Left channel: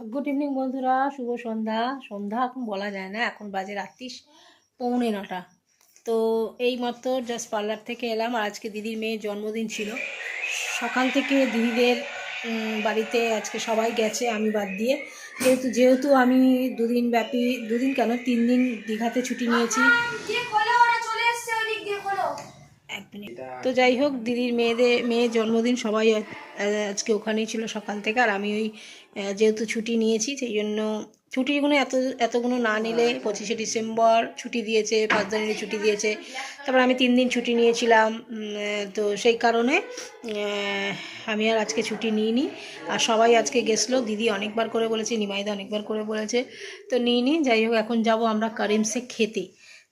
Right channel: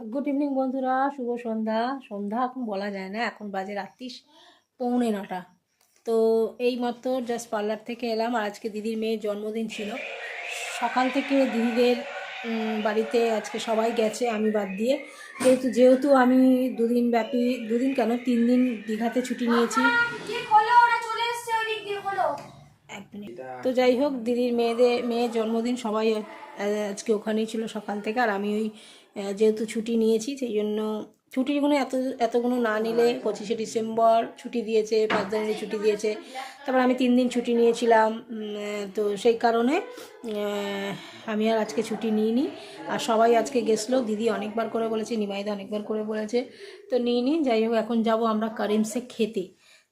Good evening বন্ধুরা। শুভ সন্ধ্যা। সন্ধ্যা এখন বলা যায় না এখন বাজে রাত্রি পৌনে নটা। তো এই মাত্র জাস্ট পার্লার থেকে এলাম আর আজকে দিদির মেয়ের জন্মদিন ছিল। সকাল থেকে দিদিদের বাড়িতে আজকে সবাই গেছে আমি বাদ দিয়ে। যেহেতু যেহেতু আমি দুদিন ব্যাপী দুদিন কেন? তিন দিন দীঘাতে ছুটি নিয়েছি। এক মিনিট। তো যাই হোক দিদির মেয়েদের মেয়ের জন্মদিন সবাই আজকে ওখানেই ছিল সকাল থেকে আর আমি ওই যেহেতু ছুটি নিয়েছি সেই জন্য ছুটিগুলো এত, এতগুলো না নিলে পঁচিশে ডিসেম্বর ছুটি দিয়েছে, পাঁচ দিনের ছুটি দিয়েছে। তারপর আমি তিন দিন ছুটি নিয়েছিলাম তো সেই কারণে আমি আর আজকে ছুটি নিইনি। আর সবাই আজকে গেছিল, দিদি অনেকবার করে বলেছে, নিমাইদা অনেকবার করে বলেছে। তো নিইনি, যাই হোক, এখন যাব আমরা কারিমসে খেতে।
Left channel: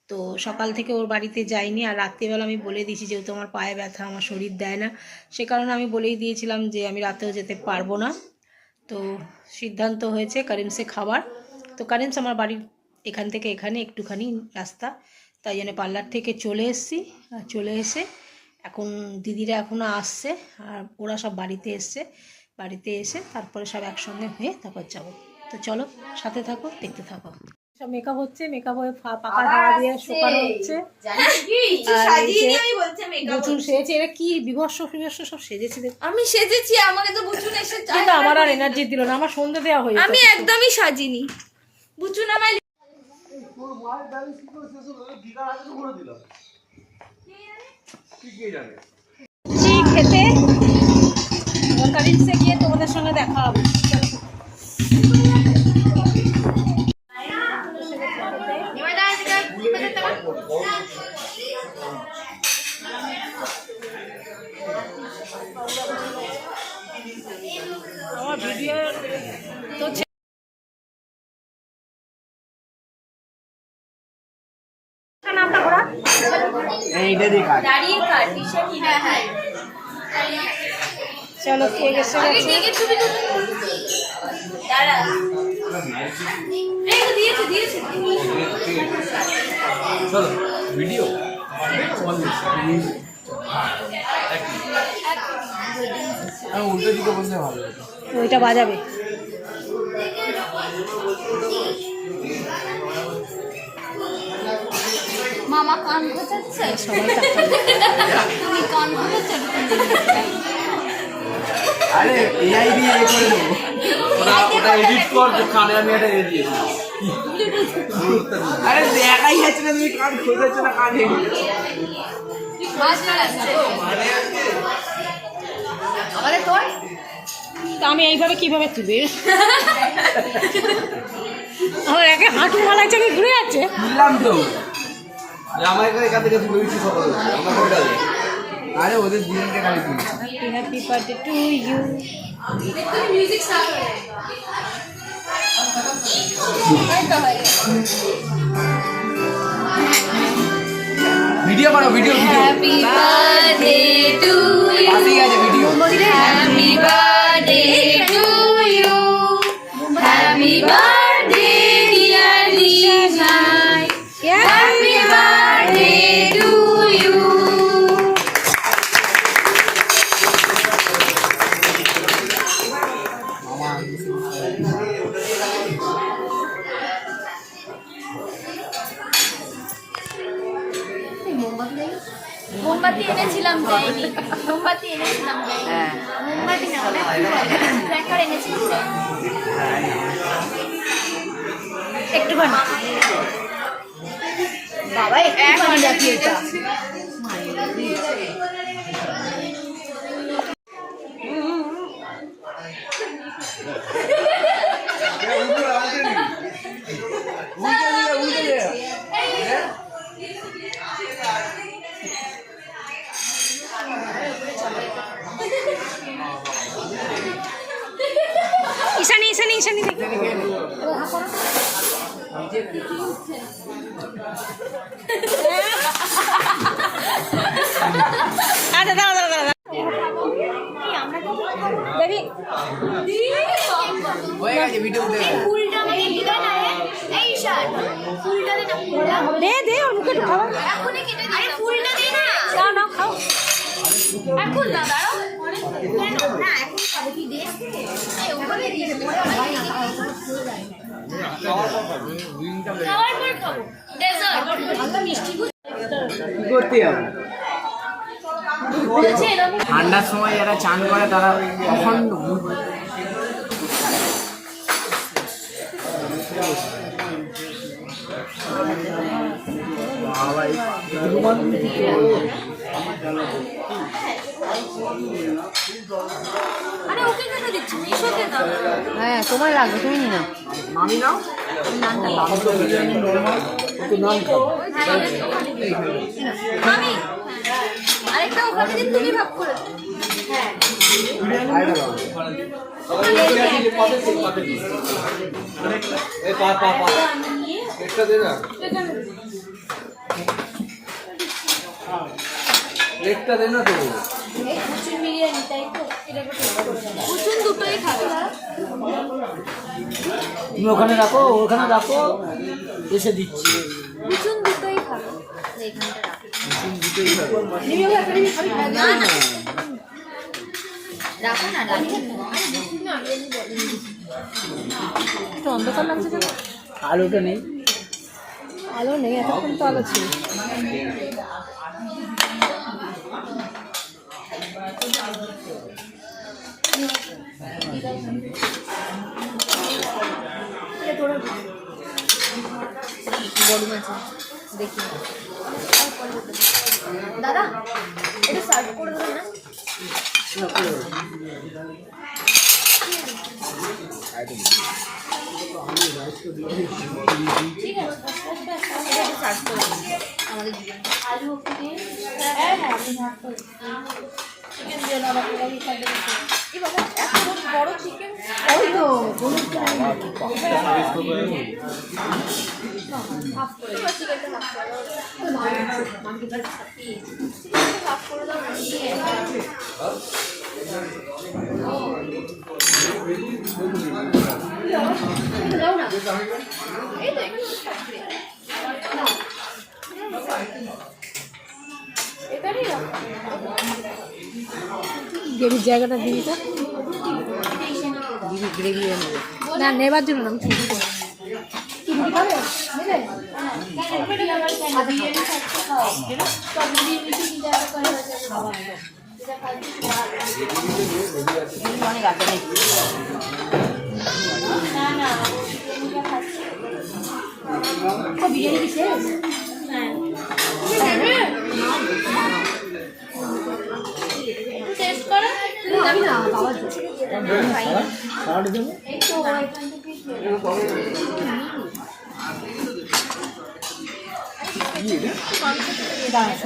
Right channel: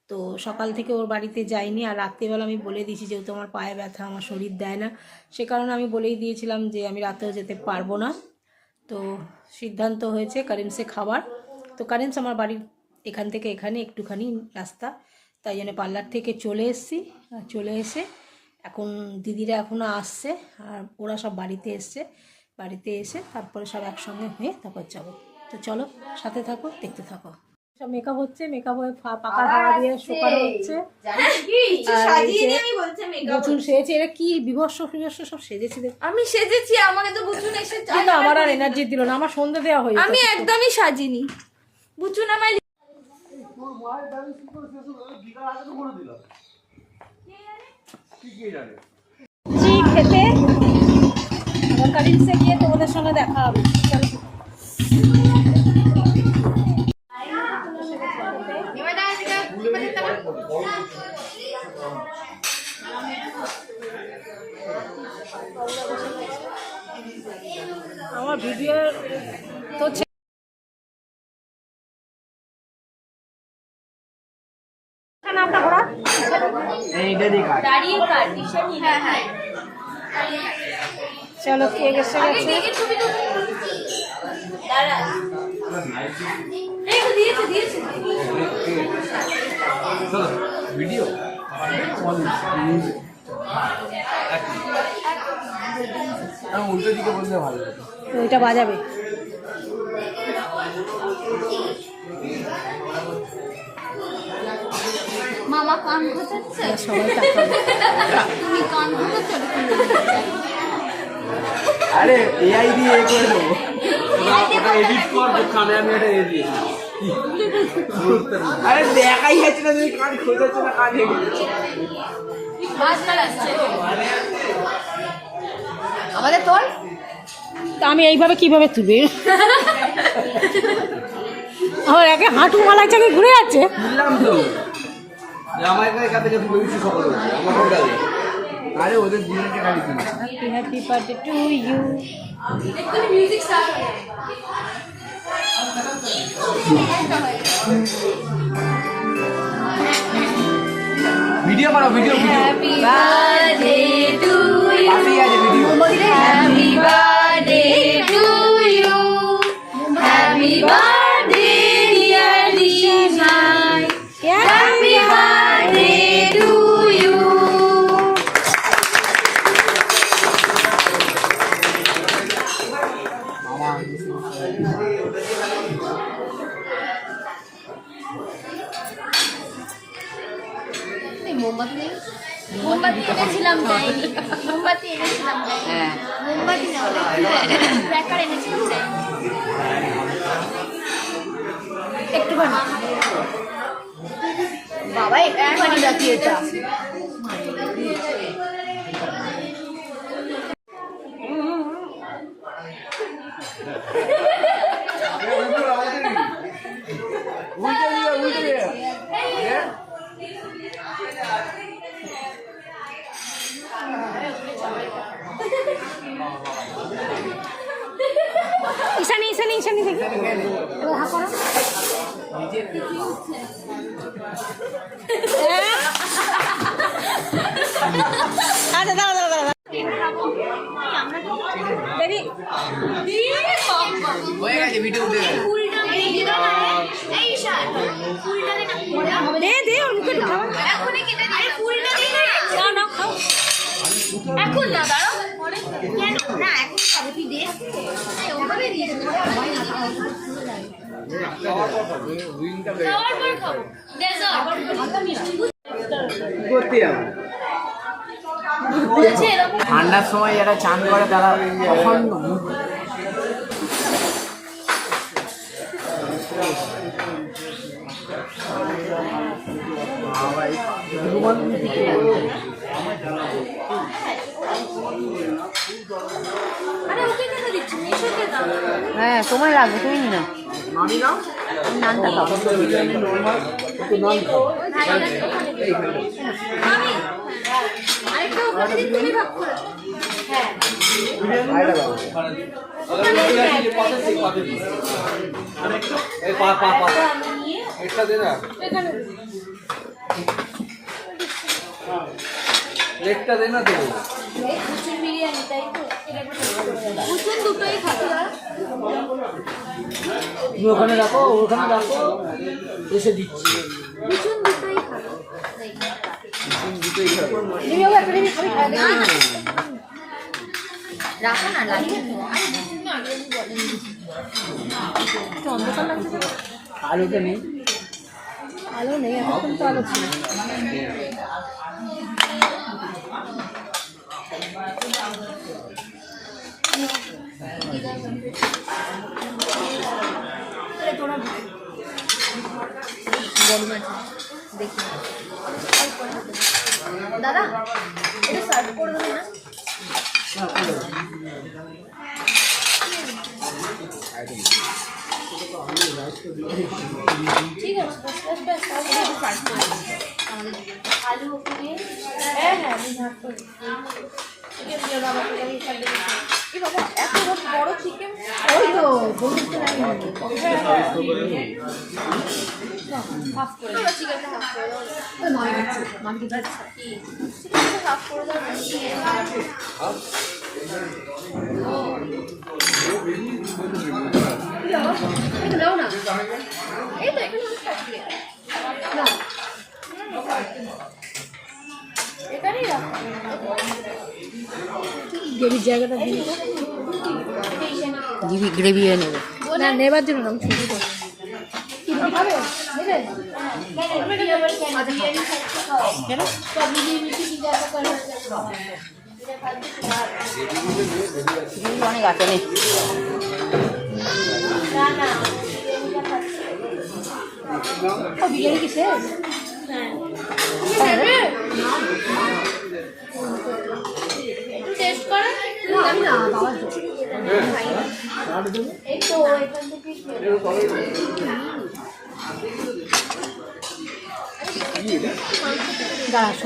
তো সকাল থেকে ওর বাড়িতে যাইনি, আর রাত্রিবেলা আমি বলে দিয়েছি যেহেতু আমার পায়ে ব্যথা, আমার শরীর দেয় না, সে কারণে আমি বলেই দিয়েছিলাম যে আমি রাতেও যেতে পারব না। তো সিদ্ধান্ত হয়েছে কারেন্সে খাবার। তো কারেন্স আমার বাড়ির এখান থেকে এখানে একটুখানি রাস্তা। তাই জন্য পার্লার থেকে চলে এসেছি। আর চলে এসে এখন দিদিরা এখনও আসছে। আর ওরা সব বাড়িতে এসছে। বাড়িতে এসে তারপরে সব একসঙ্গে হয়ে তারপর যাব। তো চলো সাথে থাকো, দেখতে থাকো। সব মেকআপ হচ্ছে মেকআপ হয়ে পাকা হাওয়া দিয়ে শুকানো হচ্ছে। যে সেজেছে এরা কি বিভৎস ফিভৎস সব সেজেছে আমি সেজেছি আমাকে তো বুঝুন এসে কিন্তু আমার আর এনার্জি দিল না আমার সন্ধে দেওয়া হয়ে আমি একদমই সাজিনি। বুঝুন আমায় খেতে। গিয়ে তোমাদের সঙ্গে দেখা হবে চলো। আমার ভিডিও তো নামটা ঘোরা দাঁড়িয়ে কাট টি-শার্ট হ্যাঁ হ্যাঁ চলো কে গেছে গেছে? ছবি দাঁড়া। চলো ভিডিও উল্টো দিকে বসলে ভালো ওইটা বাজাবে। মামা কান ঘোচাচ্ছে এবার সবাই তুমি কান ঘোচাচ্ছো আরে এআই দিয়ে এ করে দেবো। ওটা ওটা এডিট কর কানে আমি একটা এ দিয়েছি আরে দেখাই যাচ্ছে না তুমি কান খোঁজাচ্ছ না কানে আমাদের তোর? তা আমি এইভাবে কীভাবে তুবে আমার একে হাঁটু মালার থেকে ঘুরে যাচ্ছে? বুঝলাম তো। আমার এখান থেকে তুলে দিচ্ছি সকালে আমার আরে ওদের দুজনকে খালি তুলি happy happy birthday to you এক্ষুনি মিউজিক স্টার্ট হয়ে যায় ভিডিও করো video video happy birthday to you পাশেই মোমবাতি এনেছিলাম দেয়নি মোমবাতি এনেছিলাম দেয়নি মোমবাতি না ক্র্যাকার এনেছিলাম একটুখানি বাবা একটুখানি এটা ঈশানি ঈশানি দেখি আচ্ছা দাঁড়া দাঁড়া দাঁড়া দেখি না দে দে, ওর মুখে একটু না নাও খাও। এখন দাও, দাঁড়াও। না, এখন খাবে, তুই দে। ঠান্ডার সময় যারা চান করে তারা অখণ্ড মুখ- আরে ওকে কেন দিচ্ছি মিশোতে দাও হ্যাঁ তোমার লাগবে তুমি নি না। হ্যাঁ একটা দে না লেগটা দে না তো? এই বিরিয়ানি তাই তো? কুচুর দুটোই তুমি ওখানে রাখো ওখানে রাখো এসে দিচ্ছি। কুচুর দুটোই খাব। রাখো না লাগে অন্ধকার লাগছে কেন আলুটা নেই। আলো নেই এতক্ষণ তো আলো ছিল। দাদা এটা সার্ভ করে দেবেন না? ঠিক আছে। আমাদের হ্যাঁ হ্যাঁ আমি ভাগ করে চিকেন দিয়ে বাবা আমি সার্ভ করে এই বাবা এত বড় চিকেন এই তো এখানে এখানেই রাখো গ্রেভির জায়গাটা দিন তো দিদি গ্রেভি এনে না নেবার জন্য আমি ছবি দেবো। টেস্ট করো আমি না বাবার এই তো এখান থেকে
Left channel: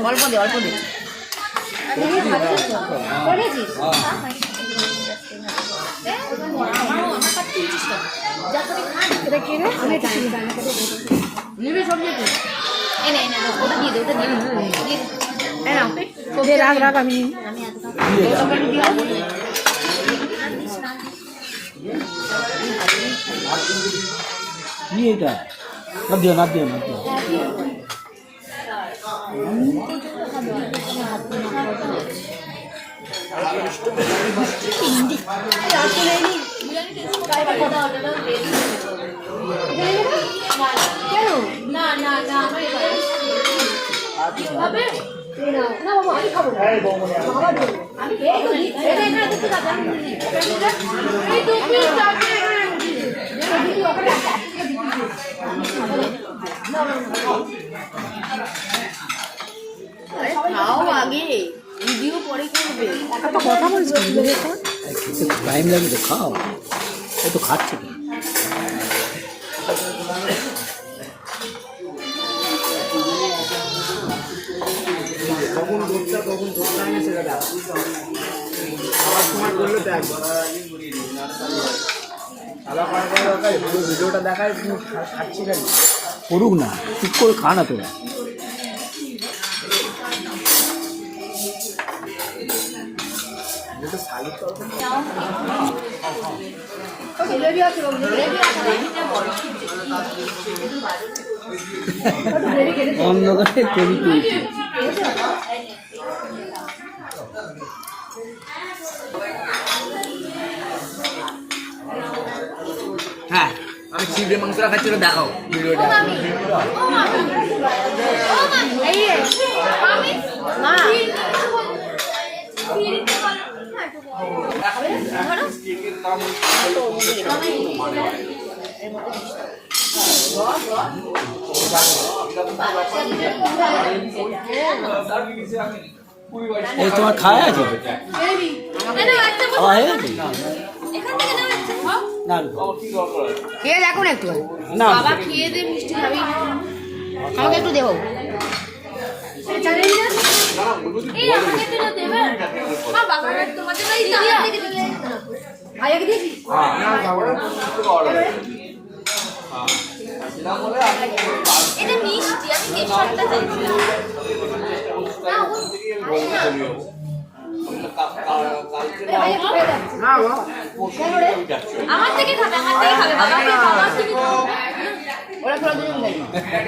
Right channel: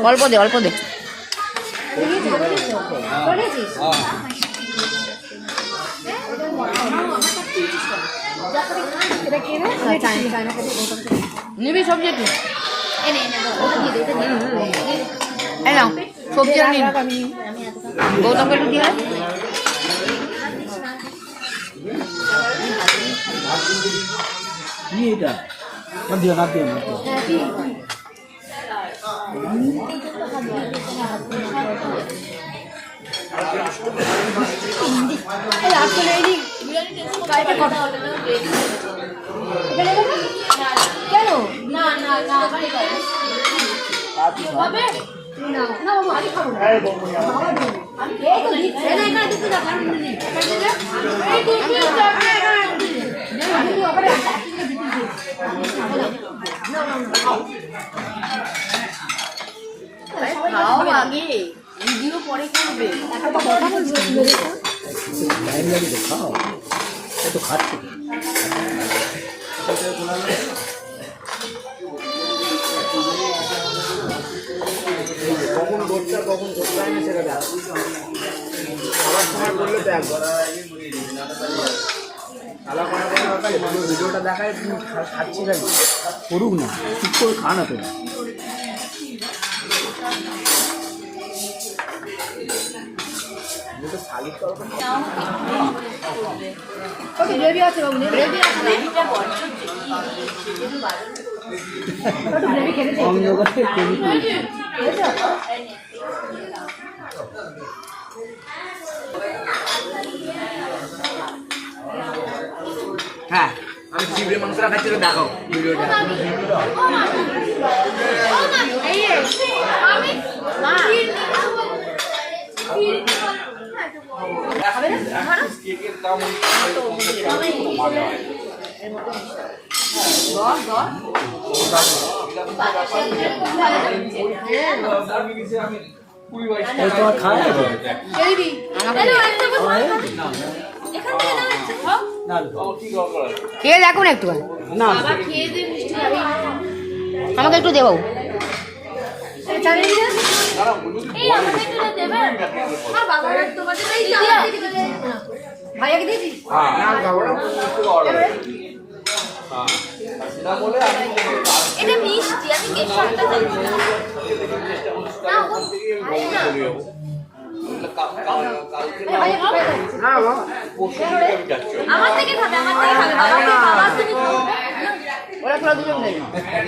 অল্প দে অল্প দে। আমি নিবি সবজি একটু কি এটা? না দিও না দিও না আমি খাব না আমি এই তো দিচ্ছি এই এখানে দিতে দাও আমি দিই এই দুধ দিয়ে দাও এখানে এখানে খাও আগে ভিডিও পরে করবে। এত কথা বলছিস টাইম লাগে তো খাও। ও তো খাচ্ছে তো। কখন দোষটা কখন দোষটা আমি সেটা সবার সময় করলে তো একবার। আলাদা করার কোনো দরকার নেই। পুরো ভিডিওটা দেখায় তুমি খা- খাচ্ছি না করুক না চুপ করে খা না তোরা যেটা শালিক তরকারি ওকে গ্রেভি আছে বাবু গ্রেভি আছে অন্ধকারে কেবি তুলছি চিংড়ি মাংসটা খাচ্ছিল দেখো ভিডিওটা তোমার খাওয়া আছে হয়ে গেছে? না খেয়ে দেখুন একটু। না আমাকে একটু দেবো? এটা মিষ্টি আমি কেশরটা চাইছিলাম আমার থেকে খাবে আমার থেকে খাবে। বাবা। তুমি ওরা তোরা দুজন দেবে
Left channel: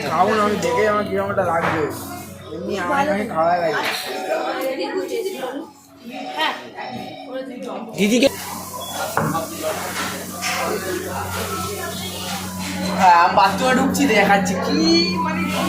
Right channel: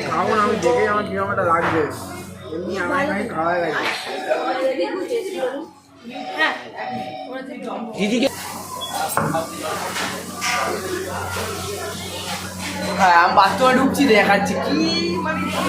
খাব না আমি দেখে আমার কীরকম একটা লাগবে। এমনি আমার খাওয়া দিদিকে হ্যাঁ আমি বাথরুমে ঢুকছি দেখাচ্ছি। কি মানে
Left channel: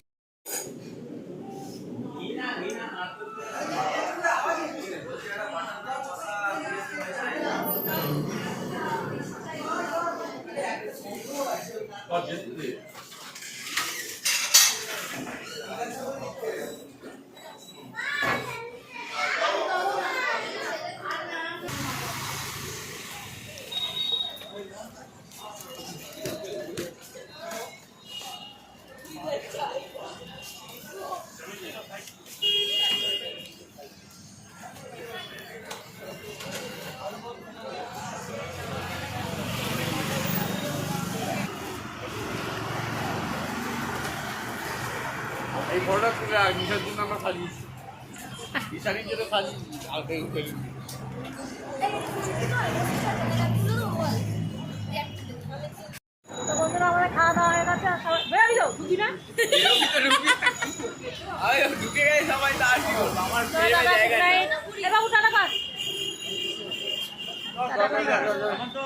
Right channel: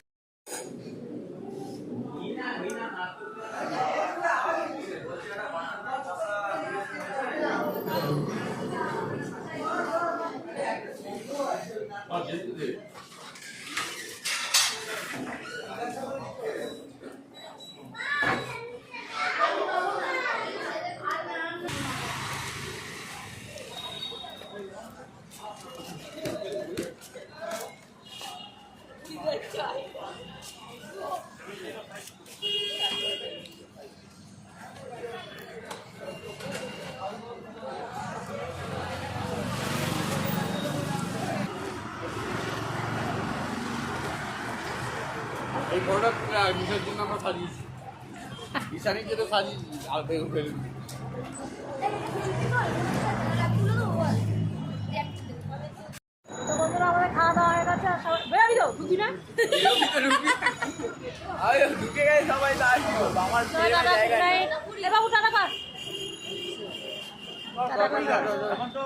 জন্য আমরা সাজিয়েছি। সাজিয়েছি আর খাওয়া দাওয়া হয়ে গেছে সবাই বেরাবি তো ঢুকি না। ঢুকে গেছে সবাই দাদা গুড নাইট এ বাবু টাটা কাট এখন তো